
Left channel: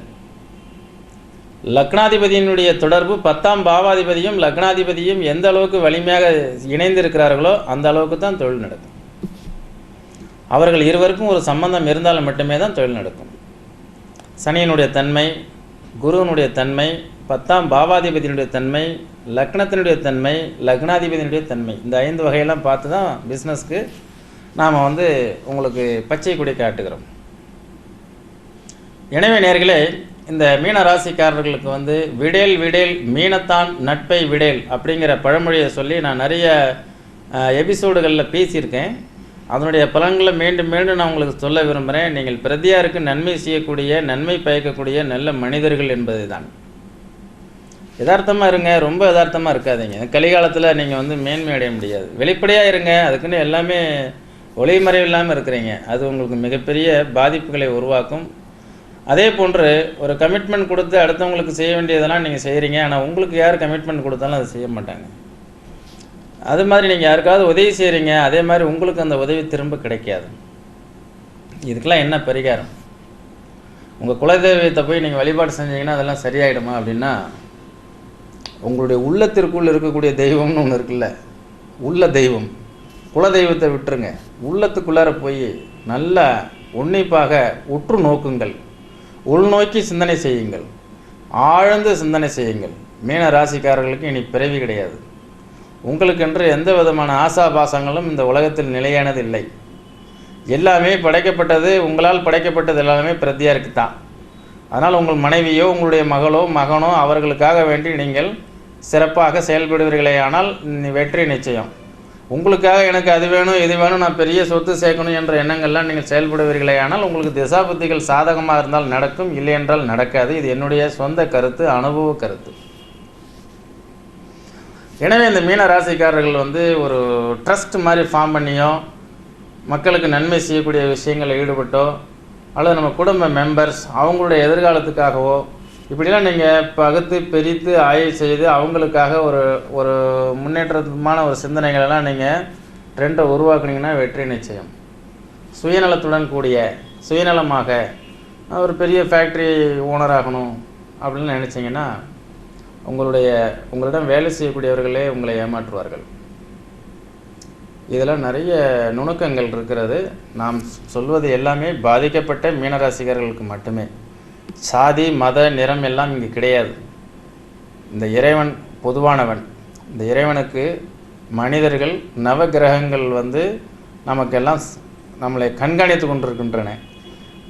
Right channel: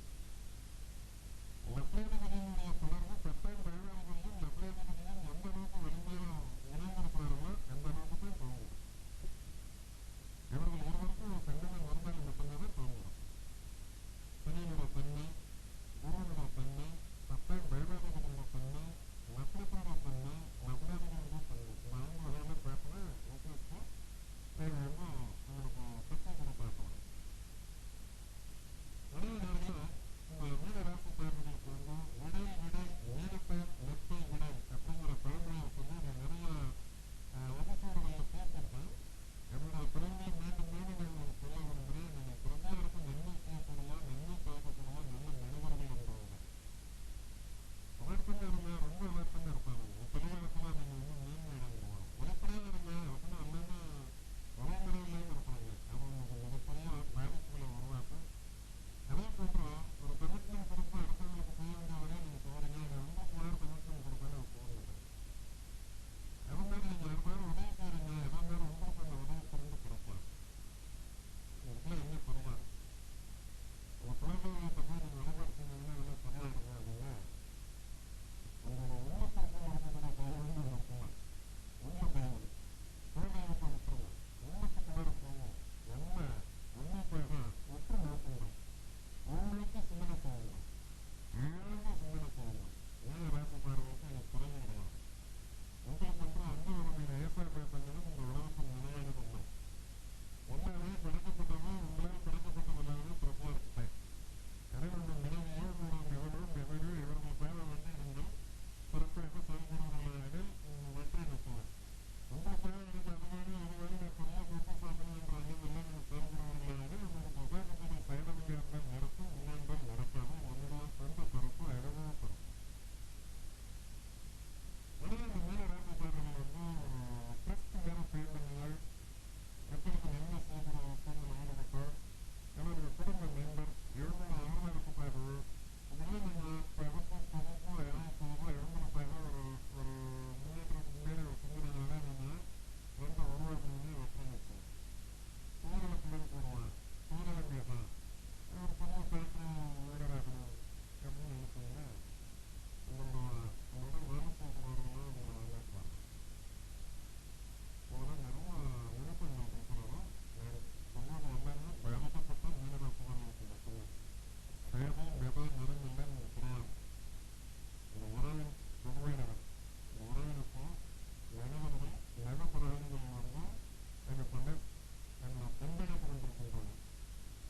லக்னாதிபதியினுடைய தொடர்பு 10ஆம் பாவாதிபதியும் லக்னாதிபதியும் எந்த அளவுக்கு வலிமையாக இணைந்திருக்கிறார்களோ அந்த அளவுக்கு தான் தொழில் நடக்கும். அவர்கள் இருவருக்கும் ஒரு சம்பந்தம் இருந்தால் மட்டுமே தான் தொழில் நடக்கும். சனியினுடைய தன்மை, குருவனுடைய தன்மை, 10ஆம் பாவாதிபதியினுடைய தன்மை, லக்னத்தினுடைய தன்மை, லக்னாதிபதியினுடைய தன்மை, இந்த 5 வகையெல்லாம் பார்த்து தான் பிஸ்னஸ்க்கு நாம் வந்து உங்களுக்கு பச்சை கொடி காட்டுகிறோம். எனவே நேர்களே, இந்த மீன ராசிக்காரர்களுக்கு வந்து விடேல் விடேல் மீனத்தான் நட்பை விடேல் அப்படிங்கிற பழமொழியை சொல்லி நான் நிறைய எபிசோடுகளில் பேசியிருக்கேன். அதனுடைய பலன்களை மீண்டும் மீண்டும் நான் உங்களுக்கு சொல்ல விரும்புகிறேன். நீங்கள் பிரதியாருக்கு நன்மை செய்யக்கூடிய, நன்மை பயக்கக்கூடிய நல்ல மனிதர்கள் என்பது தான். யதார்த்தமாக இருங்க, ரொம்ப யதார்த்தமாக இருக்காதீங்க. கலிகாலத்தில் நீங்கள் வந்து மேன்மை அடைய முடியாது. வெளிப்படையாக இருங்க, அதுக்குன்னு எல்லாமே ஒளிமறைவு இல்லாமல் இருக்கிறீங்க. அது உங்களுக்கு மிகப்பெரிய பாதிப்புகளை உருவாக்கும். அதே போன்று ஒரு கமிட்மெண்ட் கொடுத்து அடுத்தவங்களுக்கு செய்ய வேண்டியதெல்லாம் நீங்கள் செய்கிறீங்க, ஆனால் உங்களுக்கு யார் கமிட்மெண்ட் கொடுத்தாலும் அதை செய்ய மாட்டாங்க. அது மாதிரி நீங்கள் யாருக்காவது உதவி செய்கிறீங்க, அதே மாதிரி உங்களுக்கு அந்த உதவி திரும்ப கிடைக்காது. இதுக்கெல்லாம் என்ன பரிகாரம்? உங்கள் குலதெய்வத்தை போய் நீங்கள் வழிபாடு செஞ்சீங்கன்னா அதெல்லாம் சரியாயிடுமா அப்படின்னா, உங்களுடைய உள்ளத்திற்குள் இருக்கக்கூடிய தெய்வம்னு ஒன்று இருக்குல்ல, உள்ள தெய்வம், குலதெய்வத்தை விட்டுருங்க. உள்ளத்துக்குள்ளார போய் நல்லா உன்னிப்பாக உற்று நோக்குங்கள், உள்நோக்கி சிந்தனை செய்யுங்கள், ஆழ்ந்து சிந்தனை செய்யுங்கள். மீன ராசிக்காரர்களுக்கு இனி பிறவி கிடையாது. உங்களுக்கென்று எந்த விதமான ஆசாபாசங்களும் இந்த உலகத்தில் நிலையானது இல்லை. எல்லாமே படைக்கப்பட்டது, உங்களால் படைக்கப்பட்டது எல்லாமே பிரத்தியாருக்கு தான். அதனால் உங்கள் மனைவியோ உங்களுடைய மகளோ மகனோ அவர்களுக்காக வேண்டி நீங்கள் சிறப்பாக செயல்படுவீர்களே ஆனால் வெற்றி நிச்சயம். உங்களுக்காக எனக்கு அது வேணும் இது வேணும், நான் பெரிய சொத்து சேர்க்கணும் என்ற எண்ணங்கள்லாம் நீங்கள் செயல்படுவீர்களே ஆனால் உங்களுக்கு திசாபுத்திகள் சாதகமாக இருந்தால் நடக்கும், இல்லை என்றால் நடக்காது. இது என்னுடைய சொந்த கருத்து, அனுபவ கருத்து. எனவே இந்த மீன ராசிக்காரர்கள் வந்து ஒரு ட்ரஸ்ட் மாதிரி ஃபார்ம் பண்ணியோ மக்களுக்கு நன்மை செய்யக்கூடிய விஷயங்களில் ஈடுபட்டோ அல்லது நம்ம குடும்ப மெம்பர்ஸ் அவங்களுடைய எதிர்காலத்துக்காகவோ இப்படிலாம் நீங்கள் பகுத்து பிரித்து ஆய்வு செய்து அவங்களுக்காக ஒரு ஒரு முன்னேற்றமான ஒரு சிந்தனைகளெல்லாம் நீங்கள் ட்ரெண்டை உருவாக்குனீங்கன்னா வெற்றி நிச்சயம். சுயநலத்துடன் கூடிய சுயநலமாக ஒரு பெரிய ஃபேக்ட்ரி ஓனர் ஆகணும் அப்படின்னு நினச்சிங்கன்னா உங்களிடம் வேலை செய்யக்கூடியவர்களே உங்களை ஏமாற்றுவார்கள். இதில் நிறைய நுணுக்கங்கள் இருக்கிறது. நாம் சொல்வது எல்லாமே பாதிக்கப்பட்ட மீனராசிகர்களுக்கு மட்டுமே. சாதி மத நிறம் எல்லாம் இங்கு கிடையாது. இந்த இறைவன் பொதுவானவன். இந்த இறைவனுக்கு மனிதர்கள் நவகிரகங்கள் நமக்கெல்லாம் நம்மளை கண்காணித்து கொண்டிருக்கின்றன.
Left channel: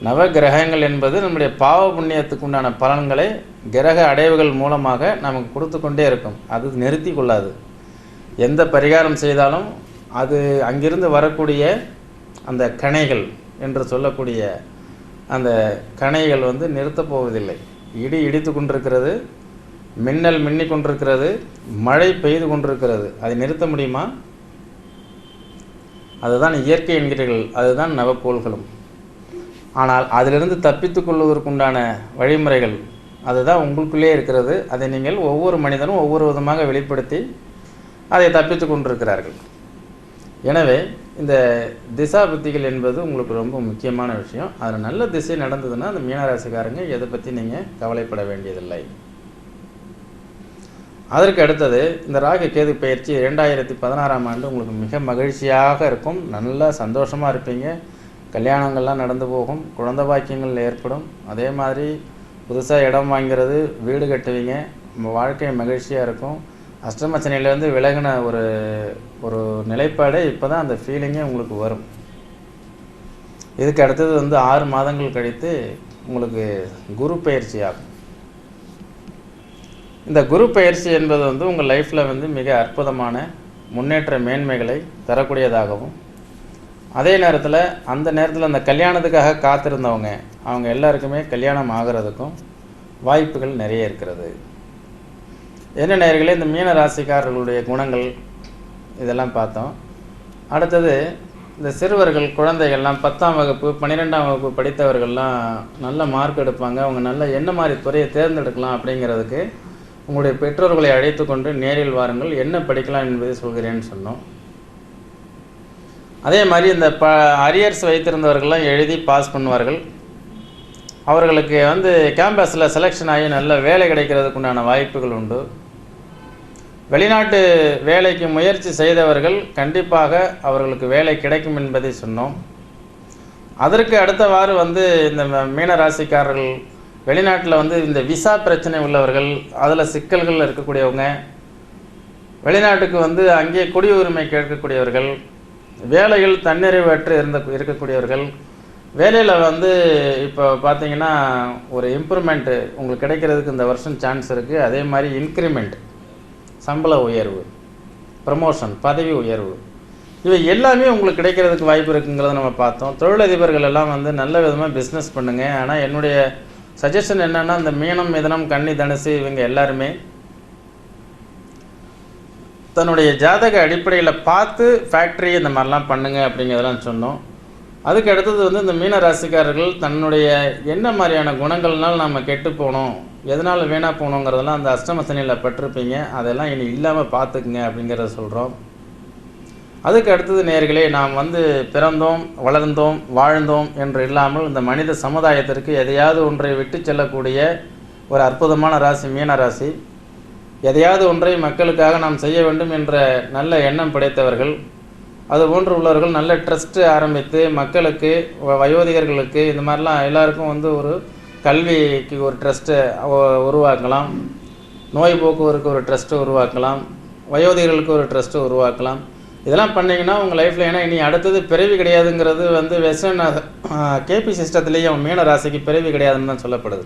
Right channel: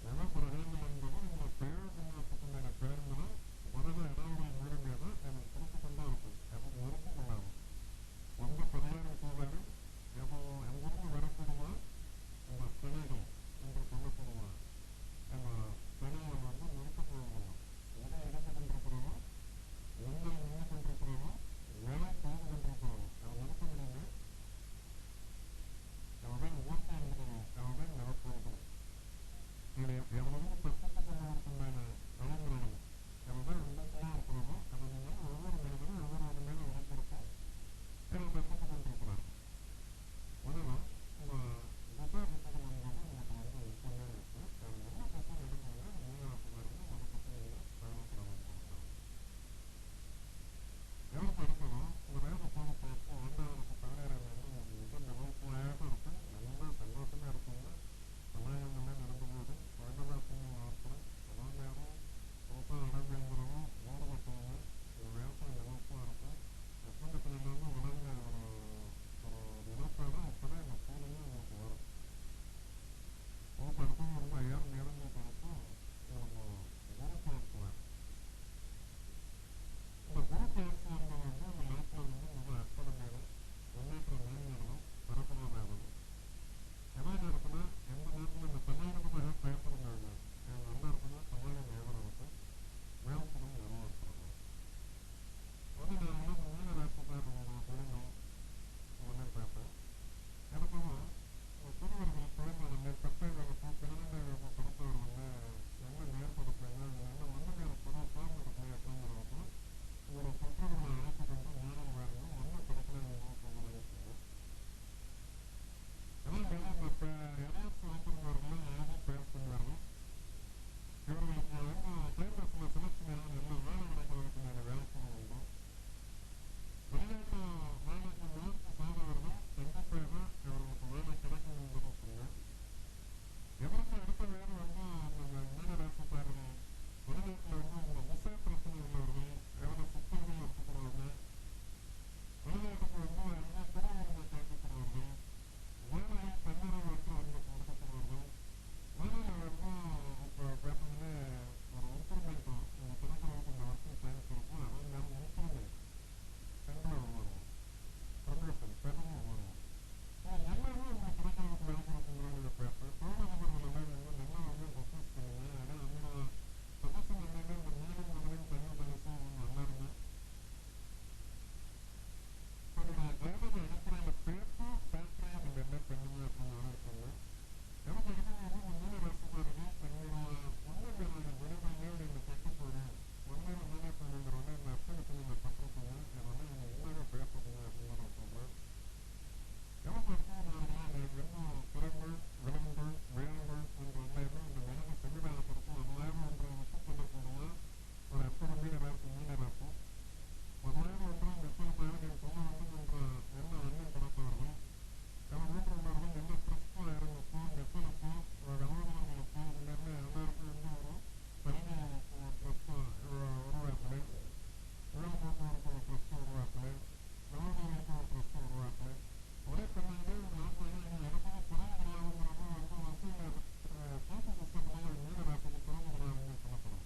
நவகிரகங்கள் என்பது நம்முடைய பாவ புண்ணியத்துக்கு உண்டான பலன்களை கிரக அடைவுகள் மூலமாக நமக்கு கொடுத்து கொண்டே இருக்கும். அது நிறுத்தி கொள்ளாது. எந்த பரிகாரம் செய்தாலும் அது அங்கிருந்து வரக்கூடிய அந்த கணைகள் என்று சொல்லக்கூடிய அந்த கணைகள் நிறுத்தப் போவதில்லை. இடி இடித்து கொண்டிருக்கிறது, மின்னல் மின்னி கொண்டிருக்கிறது, மழை பெய்து கொண்டிருக்கிறது. அதை நிறுத்த முடியுமா? அதுதான் இயற்கை என்கிறீர்கள். அதுதான் நவக்கோள்களும். ஆனால் அதிலிருந்து தப்பித்து கொள்வதற்குண்டான வழிமுறைகள் அதுதான் உங்களுக்குள்ளே இருக்கிறது. அதை நீங்கள் ஒவ்வொரு மனிதனும் ஒவ்வொரு விதமாக வெளிப்படுத்தி அதை தப்பித்து கொண்டிருக்கிறார்கள். எனவே இந்த திசா புத்திகள் என்பது உங்களுக்கு ரொம்ப முக்கியமான விஷயம். அதில் நல்ல திசை நடந்ததுன்னா அந்த மீனராசிக்காரங்க எதை பற்றி நீங்கள் கவலைப்பட வேண்டியதில்லை. அதற்கு அடுத்தது இந்த ராகு கேது பயிற்சி 2016ஆம் ஆண்டு உங்களுக்கு மிக மகிழ்ச்சியாக இருக்கும். நல்லா சந்தோஷமாக இருப்பீங்க. கல்யாணங்கள்லாம் நடந்து போகும், குழந்தை பாக்கியங்கள் ஏற்படும். அதே மாதிரி புதுசாக இடம் வாங்கிறது, வீடு கட்டுவீங்க, உங்கள் வாழ்க்கை மகிழ்ச்சியாக இருக்கும். அஷ்டமச்சனையிலேருந்து விலகின ஒரு நிலைப்பாடு இப்போ தான் அந்த ஃபீலிங்கே உங்களுக்கு வரும். இதுக்கு அடுத்தது 6 மாதங்கள் கழித்து உங்களுக்கு குரு பயிற்சி ஆகும். இந்த குரு பயிற்சி என்பது உங்கள் லைஃப்பில் மிக அற்புதமான முன்னேற்ற மேன்மைகளை தரக்கூடியதாகவும், அதே நேரத்தில் அந்த நேரத்தில் அந்த கல்யாணத்துக்காக காத்திருந்தவங்க அவங்க எல்லாருக்குமே கல்யாணம் ஆகிறதுக்கும் வாய்ப்புகள் நிறைய இருக்கிறது. என்ன நேயர்களே, இந்த மீன ராசிக்காரர்களுடைய குணங்கள் இதெல்லாம் பார்த்தோம். அடுத்தது இந்த சிறுவர்கள் குழந்தைகள்லாம் 10ஆம் வகுப்பு 12ஆம் வகுப்பு படித்தவர்கள்லாம் நல்ல மார்க் எடுப்பாங்க. அவங்க நல்ல என்ன மாதிரி துறையை தேர்ந்தெடுக்கலாம் அப்படிங்கிறதுக்கு உங்களுடைய பெற்றோர்களை அழைத்து கொண்டு நேரில் வாருங்கள், என்ன படிக்கலாம் என்பதை சொல்கிறேன்னு சொன்னோம். அதே மாதிரி இந்த அரியர்ஸ் வைத்திருந்தவர்கள்லாம் எழுதி பாஸ் பண்ணுவார்கள். அவர்களுக்கு கேம்பஸில் செலெக்ஷன் ஆகி நல்ல வேலை கிடைக்கிறதுக்கு உண்டான வாய்ப்புகள் உண்டு. வெளிநாட்டு வேலைக்கு முயற்சி செய்தவர்கள் கண்டிப்பாக அவர்களுக்கு வேலை கிடைக்கும் என்பதை சொன்னோம். அதற்கு அடுத்தவாறு இந்த மீன ராசிக்காரர்கள் வெளிநாட்டில் இந்த விசா பிரச்சனை உள்ளவர்கள், அதில் சிக்கல்கள் இருக்கக்கூடியவங்க, வெளிநாட்டுக்கு அங்கே குடியுரிமை கேட்கக்கூடியவர்கள், வேலைகள் தன்னிறைவற்று இருக்கக்கூடியவர்கள், வேலையில் இப்போ பார்த்தீங்கன்னா ஒரு இம்ப்ரூவ்மெண்ட்டு உங்களுக்கு கிடைக்கிறதுக்கு இந்த வருஷம் சான்ஸ் இருக்குது. அதே மாதிரி இன்க்ரிமெண்ட், சம்பள உயர்வு, ப்ரமோஷன், பதவி உயர்வு, இவை எல்லாமே உங்களுக்கு கிடைக்கிறதுக்கு வாய்ப்பு இருக்குங்கிறத நம்ம பார்த்தோம். தொழிலதிபர்கள் எல்லாம் நல்ல விதமாக பிஸ்னஸ் பண்ணுங்கள். ஆனால் என்னுடைய சஜஷன் என்னென்னா, இந்த மீனம், மிதனம், கன்னி, தனுசு இவங்க எல்லாருமே தன்னுடைய ஜாதக அடிப்படையில் பார்த்து ஃபேக்ட்ரி இந்த மாதிரிலாம் பண்ணுங்க அப்படிங்கிறதெல்லாம் சொன்னோம். அதுக்கு அடுத்தது இந்த மீன ராசிக்காரர்கள் தன்னுடைய என்ன மாதிரியான குணங்கள்னால நம்ம கெட்டு போனோம், எதனால் வீணாக போகணுங்கிறதெல்லாம் அந்த அஷ்டமசனியில் பட்டிருப்பீங்க. அதெல்லாம் இனி இல்லாமல் பார்த்துக்குங்க அப்படிங்கிறத சொல்கிறோம். அதுக்கு அடுத்தது நேயர்களே, நாம் பிறந்தோம், வளர்ந்தோம், வாழ்ந்தோம் என்று இல்லாமல் இந்த மனித சமுதாயத்திற்கு எதையாவது ஒன்றை விட்டு செல்லக்கூடிய ஒரு அற்புதமான ராசி மீன ராசி. எதையாவது ஒன்றை மக்களுக்காக நாம் செய்ய வேண்டும் என்ற நல்ல எண்ணம் படைத்தவர்கள். அதுபோன்று உள்ளவர்கள் நல்ல ட்ரஸ்ட்டு ஆரம்பித்து மக்களுக்கு, வயோதிகர்களுக்கு, இந்த மாதிரிலாம் எல்லாருக்கும் ஒரு கல்விக்கு ஒரு ட்ரஸ்ட்டை உருவாக்கலாம், நோய் போக்குவரத்துக்கு ஒரு ட்ரஸ்ட்டு உருவாக்கலாம், வயோதிகர்களுக்கு ஒரு ட்ரஸ்ட்டு உருவாக்கலாம். இதெல்லாம் பண்ணிங்கன்னா உங்கள் லைஃப்பில், ஏன்னா இனி அடுத்தது பிறவி கிடையாதுங்கிறது வெஸ்டர்ன் கேபி சிஸ்டத்துலேயும் மீன ராசிக்கு பிறவி கிடையாதுன்னு தான் சொல்லப்படுது.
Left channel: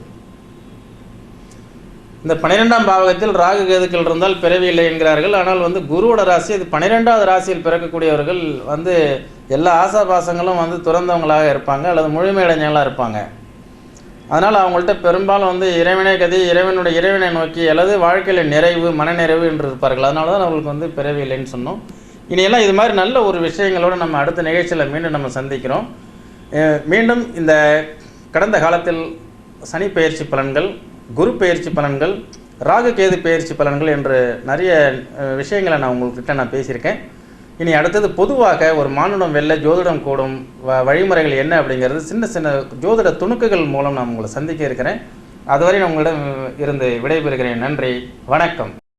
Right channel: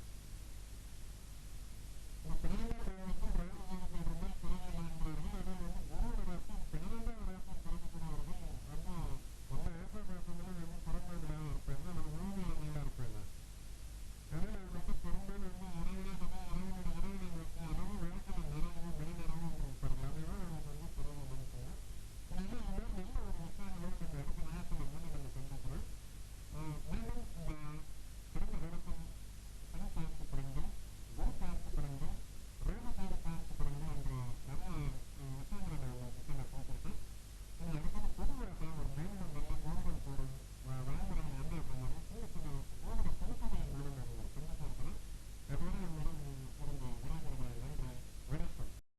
இந்த 12ஆம் பாவகத்தில் ராகு கேதுக்கள் இருந்தால் பிறவி இல்லை என்கிறார்கள். ஆனால் குருவோட ராசி அது 12வது ராசியில் பிறக்கக்கூடியவர்கள் எல்லா ஆசாபாசங்களும் துறந்தவங்களாக இருப்பாங்க அல்லது முழுமையடைஞ்சவங்களாக இருப்பாங்க. அதனால் அவங்கள்ட்ட பெரும்பாலும் இறைவனே கதி, இறைவனை நோக்கி அல்லது வாழ்க்கையில் நிறைவு, மனநிறைவு என்று இருப்பார்கள். அதனால தான் அவங்களுக்கு பிறவி இல்லைன்னு சொன்னோம். இனியெல்லாம் இது மாதிரி நல்ல ஒரு விஷயங்களோடு நம்ம அடுத்த நிகழ்ச்சியில் மீண்டும் நம்ம சந்திக்கிறோம். மீண்டும் இந்த கடந்த காலத்தில் சனி பெயர்ச்சி பலன்கள், குரு பெயர்ச்சி பலன்கள், ராகு கேது பெயர்ச்சி பலன்கள் என்று நிறைய விஷயங்களை நான் உங்கள்கிட்ட பேசியிருக்கேன். இனி அடுத்தது பொதுவாக ஒரு மானுடம் வெல்ல ஜோதிடம் கூடும் வழிமுறைகள் என்ன அப்படிங்கிறது சின்ன சின்ன ஜோதிட துணுக்குகள் மூலம் நான் உங்களை சந்திக்க இருக்கிறேன். அதுவரை நான் உங்களிடம் இருந்து விடைபெறுகிறேன். நன்றி, வணக்கம்.